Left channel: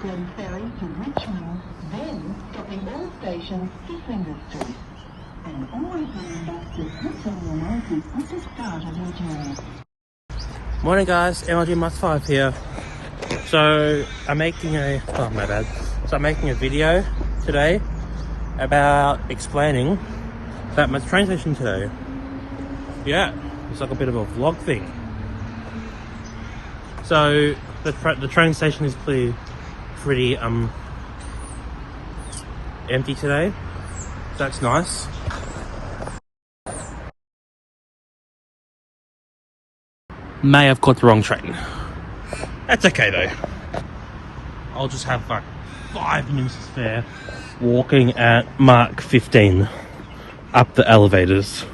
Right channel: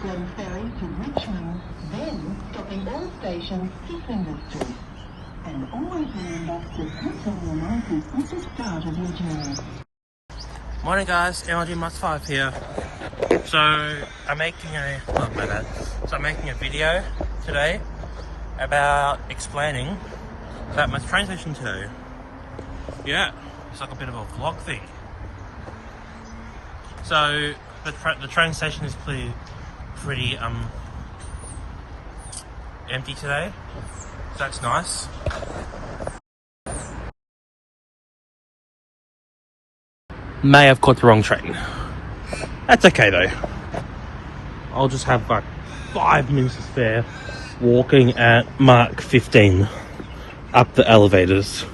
Glen Ferry to Richmond, then stopping all stations to SNAGZ. And always remember to put on your nose at the start of your journey. Morning guys, MLG Master 5 here. So I'm making a video today about explaining that my train station today. Yeah, it's like a bit of a vlog thing. So the train station is pretty empty today. That's nice. May have caught the wrong train. That's okay though. I'll just have like 5 minutes to spare walking at Mark 15 up the elevators.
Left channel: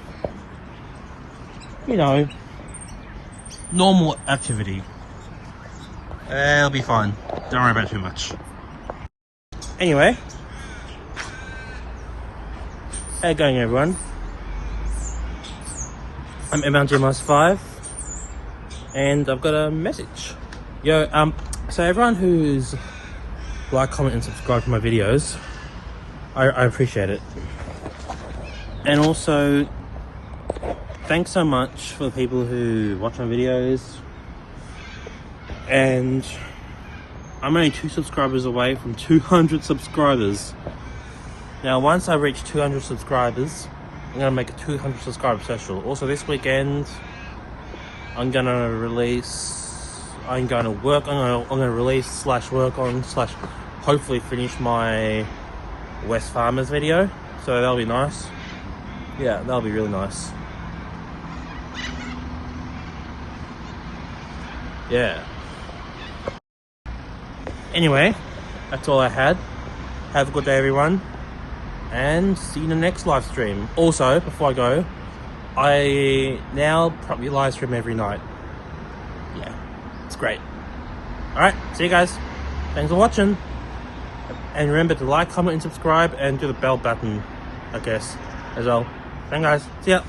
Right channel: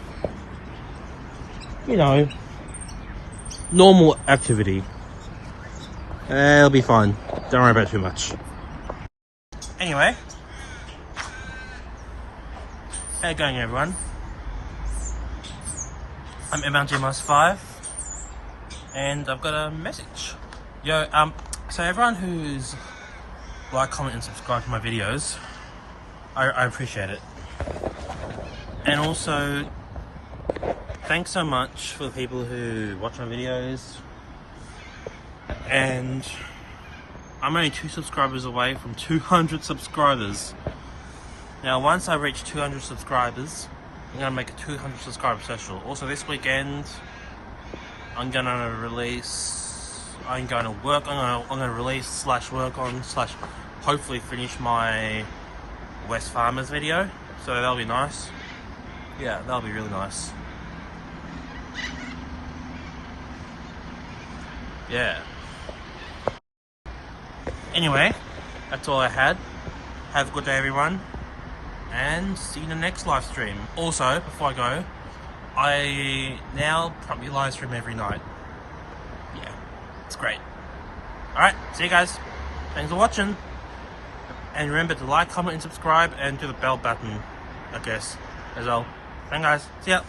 You know, normal activity. It'll be fine. Don't worry about it too much. Anyway, how you going everyone? I'm MLG Master 5 and I've got a message. Yo, so everyone who's like, comment and subscribe to my videos, I appreciate it. And also, thanks so much for the people who watch my videos. And I'm only 2 subscribers away from 200 subscribers. Now, once I reach 200 subscribers, I'm gonna make a 200 subscriber special. Also, this weekend, I'm gonna release / work on / hopefully finish my West Farmers video. So that'll be nice. Yeah, that'll be really nice. Yeah. Anyway, that's all I had. Have a good day everyone, and see you in the next live stream. Also, before I go, I now probably live stream every night. Yeah, it's great. Alright, see you guys. Thanks for watching. And remember to like, comment and subscribe, and do the bell button, I guess, as well. Thanks guys, see ya.